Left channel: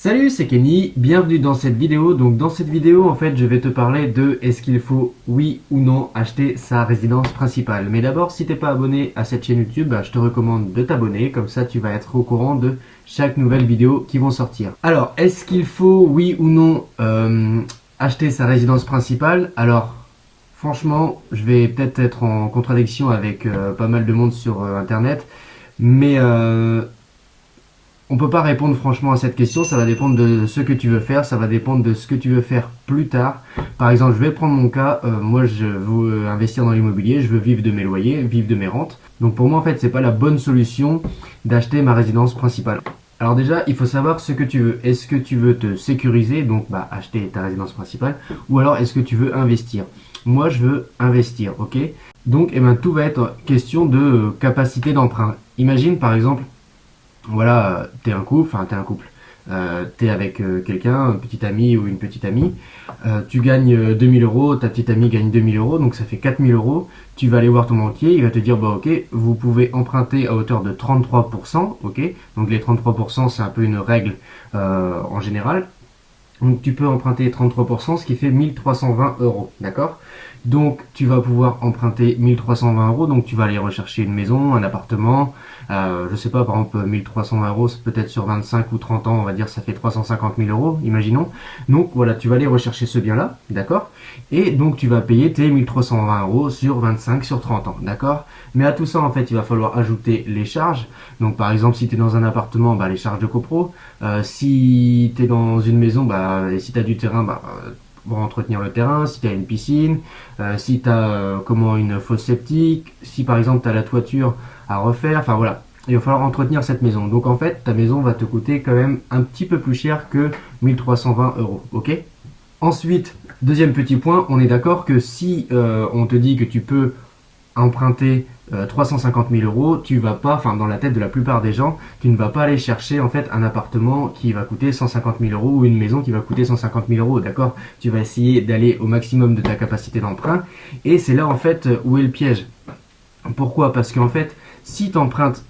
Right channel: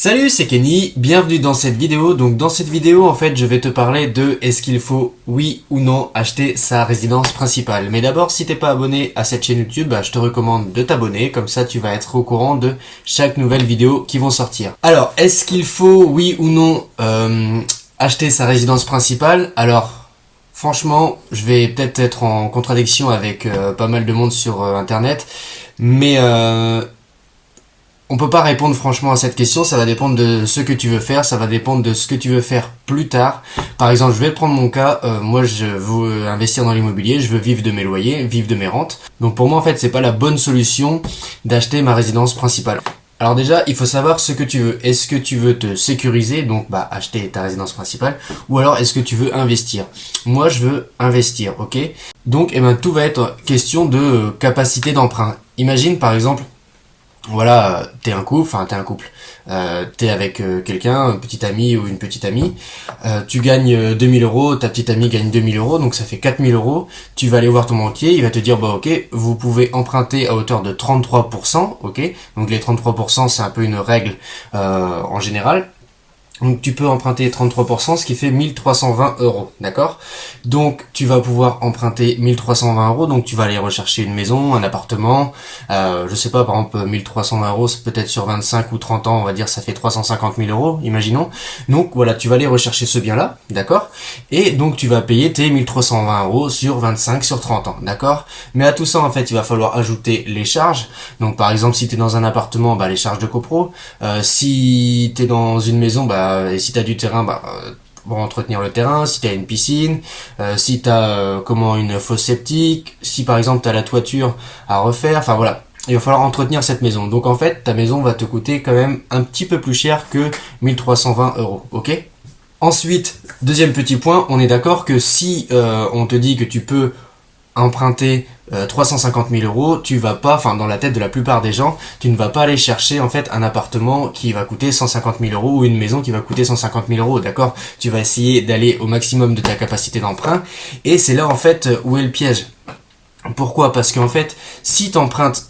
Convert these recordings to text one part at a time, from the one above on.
Salut, c'est Kenny, bienvenue dans cette vidéo. Donc dans cette vidéo, en fait, je vais te parler de est-ce qu'il faut, oui ou non, acheter sa résidence principale. Mais d'abord, si t'es pas abonné à cette chaîne YouTube, je te recommande de t'abonner, comme ça tu vas être au courant de chaque nouvelle vidéo qui vont sortir. Alors, est-ce qu'il faut, oui ou non, acheter sa résidence principale? Alors, franchement, je vais peut-être être en contradiction avec pas mal de monde sur Internet, mais on peut pas répondre franchement à cette question, ça va dépendre de ce que tu veux faire, ça va dépendre de ce que tu veux faire plus tard. Par exemple, je vais prendre mon cas, moi je veux investir dans l'immobilier, je veux vivre de mes loyers, vivre de mes rentes. Donc pour moi en fait, c'est pas la bonne solution d'acheter ma résidence principale. Alors déjà, il faut savoir ce que tu veux. Est-ce que tu veux te sécuriser, donc acheter ta résidence principale, ou alors est-ce que tu veux investir? Moi, je veux investir, ok? Donc, tout va être question de capacité d'emprunt. Imagine par exemple, voilà, t'es un couple, t'es avec quelqu'un, un petit ami ou une petite amie, tu gagnes 2000 euros, ta petite amie gagne 2000 euros, donc ça fait 4000 euros, tu vas aller voir ton banquier, il va te dire, bah ok, vous pouvez emprunter à hauteur de 33%, ok, donc les 33% c'est un peu une règle en général. Donc tu peux emprunter 33%, ce qui fait 1320 euros, d'accord? Donc tu vas pouvoir emprunter 1320 euros, donc tu vas aller rechercher une maison, un appartement, je sais pas, par exemple 1320 euros, c'est peut-être sur 25 ou 30 ans, on va dire ça fait 350 000 euros, imaginons. Donc voilà, tu vas aller rechercher ce bien-là, d'accord? Et donc tu vas payer tes 1320 euros sur 25, sur 30 ans, d'accord? Mais à tout ça, en fait, il va falloir ajouter les charges. Donc par exemple, si tu es dans un appartement, les charges de copro. Si tu es dans une maison, et si tu as du terrain, pour entretenir le terrain, si tu as une piscine, si tu as une fosse septique, si par exemple tu as la toiture à refaire, enfin voilà. Il va falloir entretenir cette maison. Donc en fait, ta maison va te coûter quand même un petit peu plus cher que 1320 euros, ok? Ensuite, deuxième petit point, on est d'accord que si on te dit que tu peux emprunter 350 000 euros, tu vas pas, dans la tête de la plupart des gens, tu ne vas pas aller chercher en fait un appartement qui va coûter 150 000 euros ou une maison qui va coûter 150 000 euros, d'accord? Tu vas essayer d'aller au maximum de ta capacité d'emprunt et c'est là en fait où est le piège. Pourquoi? Parce qu'en fait, si tu empruntes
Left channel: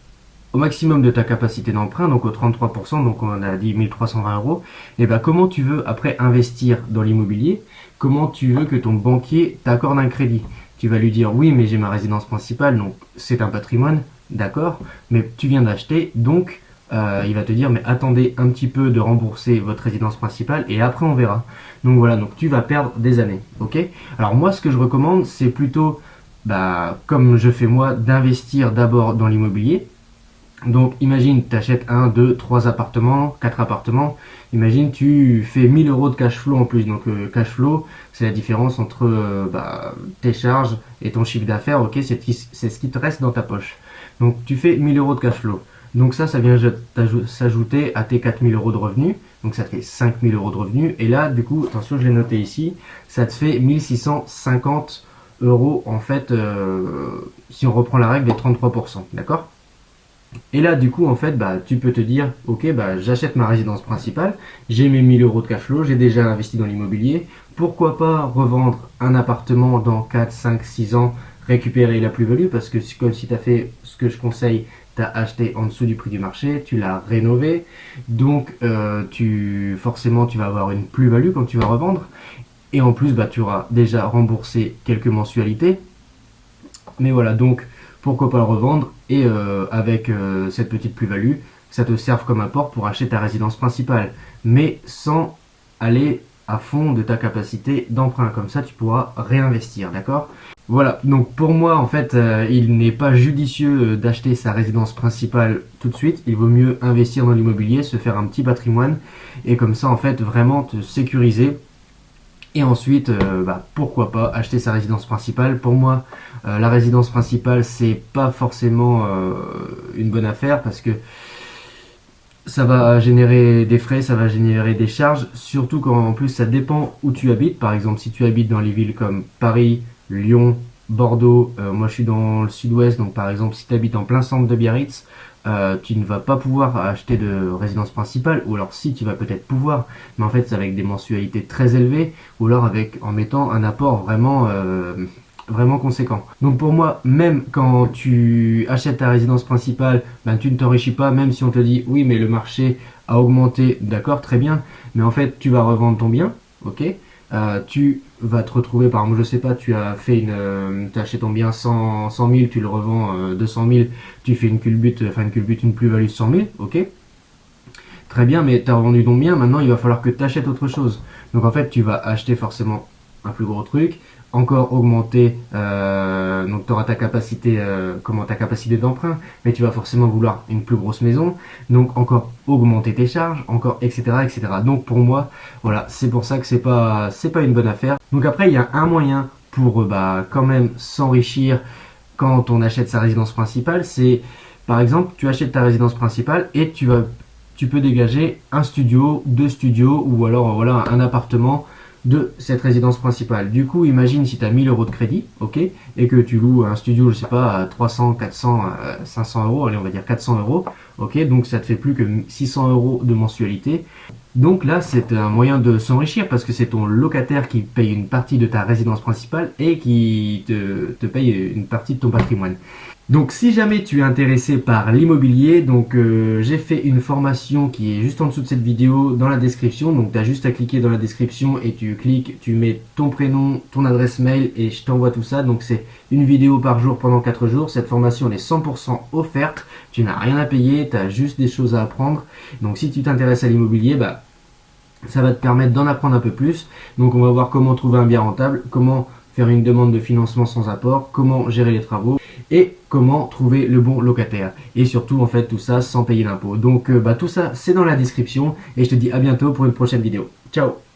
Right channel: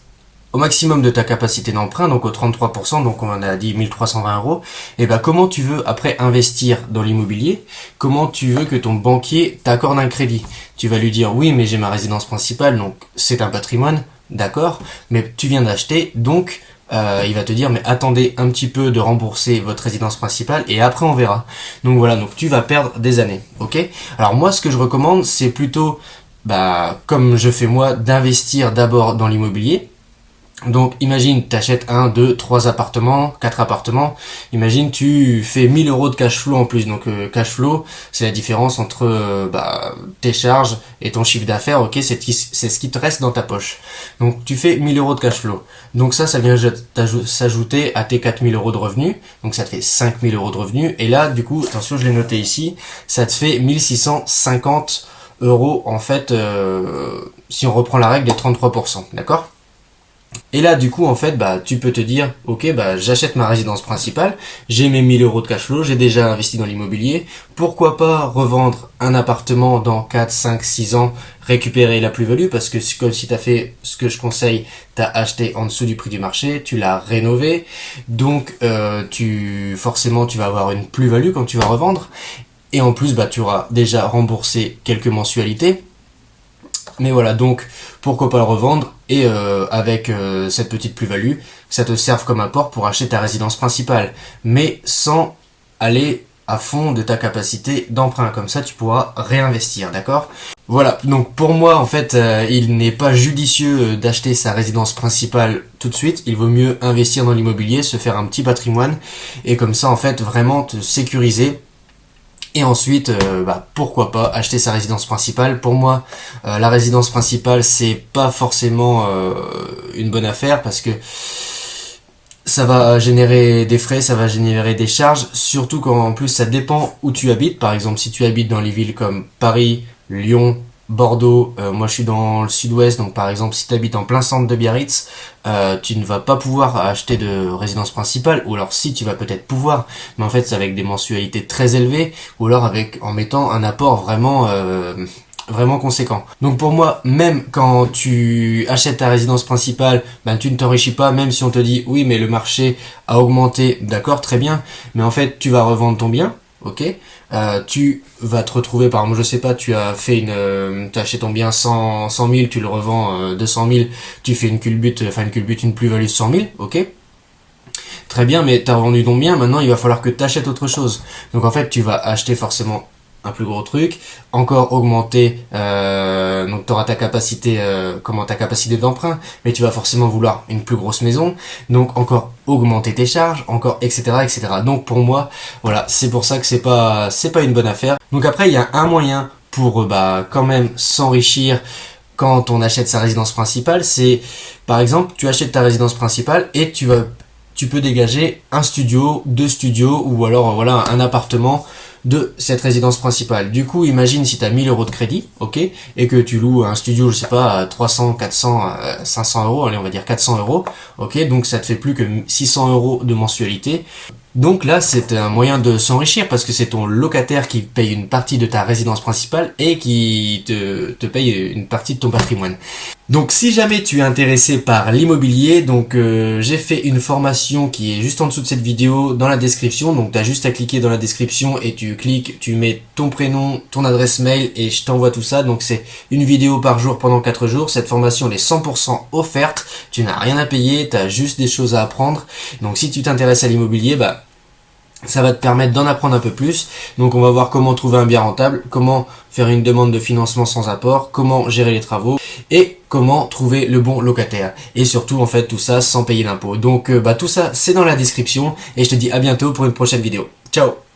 au maximum de ta capacité d'emprunt, donc au 33%, donc on a dit 1320 euros, et comment tu veux après investir dans l'immobilier? Comment tu veux que ton banquier t'accorde un crédit? Tu vas lui dire oui, mais j'ai ma résidence principale, donc c'est un patrimoine, d'accord, mais tu viens d'acheter, donc il va te dire mais attendez un petit peu de rembourser votre résidence principale et après on verra. Donc voilà, donc tu vas perdre des années, ok? Alors moi ce que je recommande c'est plutôt, comme je fais moi, d'investir d'abord dans l'immobilier. Donc imagine tu achètes 1, 2, 3 appartements, 4 appartements, imagine tu fais 1000 euros de cash flow en plus, donc cash flow c'est la différence entre tes charges et ton chiffre d'affaires, ok, c'est ce qui te reste dans ta poche. Donc tu fais 1000 euros de cash flow, donc ça vient s'ajouter à tes 4000 euros de revenus, donc ça te fait 5000 euros de revenus, et là du coup, attention je l'ai noté ici, ça te fait 1650 euros en fait, si on reprend la règle des 33%, d'accord? Et là, du coup, en fait, tu peux te dire, ok, j'achète ma résidence principale, j'ai mes 1000 euros de cash flow, j'ai déjà investi dans l'immobilier, pourquoi pas revendre un appartement dans 4, 5, 6 ans, récupérer la plus-value, parce que c'est comme si tu as fait ce que je conseille, tu as acheté en dessous du prix du marché, tu l'as rénové, donc forcément tu vas avoir une plus-value quand tu vas revendre, et en plus, tu auras déjà remboursé quelques mensualités. Mais voilà, donc pourquoi pas le revendre et avec cette petite plus-value, ça te serve comme apport pour acheter ta résidence principale, mais sans aller à fond de ta capacité d'emprunt, comme ça tu pourras réinvestir, d'accord? Voilà, donc pour moi en fait, il n'est pas judicieux d'acheter sa résidence principale tout de suite, il vaut mieux investir dans l'immobilier, se faire un petit patrimoine, et comme ça en fait vraiment te sécuriser. Et ensuite, pourquoi pas acheter sa résidence principale. Pour moi, la résidence principale, c'est pas forcément une bonne affaire parce que ça va générer des frais, ça va générer des charges, surtout quand en plus ça dépend où tu habites. Par exemple, si tu habites dans les villes comme Paris, Lyon, Bordeaux, moi je suis dans le sud-ouest, donc par exemple si tu habites en plein centre de Biarritz, tu ne vas pas pouvoir acheter de résidence principale, ou alors si tu vas peut-être pouvoir, mais en fait c'est avec des mensualités très élevées, ou alors en mettant un apport vraiment vraiment conséquent. Donc pour moi, même quand tu achètes ta résidence principale, ben tu ne t'enrichis pas, même si on te dit oui mais le marché a augmenté, d'accord, très bien, mais en fait tu vas revendre ton bien, ok. Tu vas te retrouver, par exemple, je sais pas, tu as fait tu as acheté ton bien 100 000, tu le revends 200 000, tu fais une culbute, une plus-value de 100 000, ok. Très bien, mais tu as vendu ton bien, maintenant il va falloir que tu achètes autre chose. Donc en fait, tu vas acheter forcément un plus gros truc, encore augmenter, donc tu auras ta capacité d'emprunt, mais tu vas forcément vouloir une plus grosse maison, donc encore augmenter tes charges, encore etc. etc. Donc pour moi, voilà, c'est pour ça que c'est pas une bonne affaire. Donc après, il y a un moyen pour quand même s'enrichir quand on achète sa résidence principale, c'est par exemple, tu achètes ta résidence principale et tu peux dégager un studio, deux studios ou alors voilà un appartement de cette résidence principale. Du coup, imagine si tu as 1000 euros de crédit, ok, et que tu loues un studio, je sais pas, à 300, 400, 500 euros, allez, on va dire 400 euros, ok, donc ça te fait plus que 600 euros de mensualité. Donc là, c'est un moyen de s'enrichir parce que c'est ton locataire qui paye une partie de ta résidence principale et qui te paye une partie de ton patrimoine. Donc si jamais tu es intéressé par l'immobilier, donc j'ai fait une formation qui est juste en dessous de cette vidéo dans la description. Donc tu as juste à cliquer dans la description et tu cliques, tu mets ton prénom, ton adresse mail et je t'envoie tout ça. Donc c'est une vidéo par jour pendant 4 jours. Cette formation elle est 100% offerte, tu n'as rien à payer, tu as juste des choses à apprendre. Donc si tu t'intéresses à l'immobilier, ça va te permettre d'en apprendre un peu plus. Donc on va voir comment trouver un bien rentable, comment faire une demande de financement sans apport, comment gérer les travaux et comment trouver le bon locataire. Et surtout en fait tout ça sans payer d'impôts. Donc tout ça c'est dans la description et je te dis à bientôt pour une prochaine vidéo. Ciao.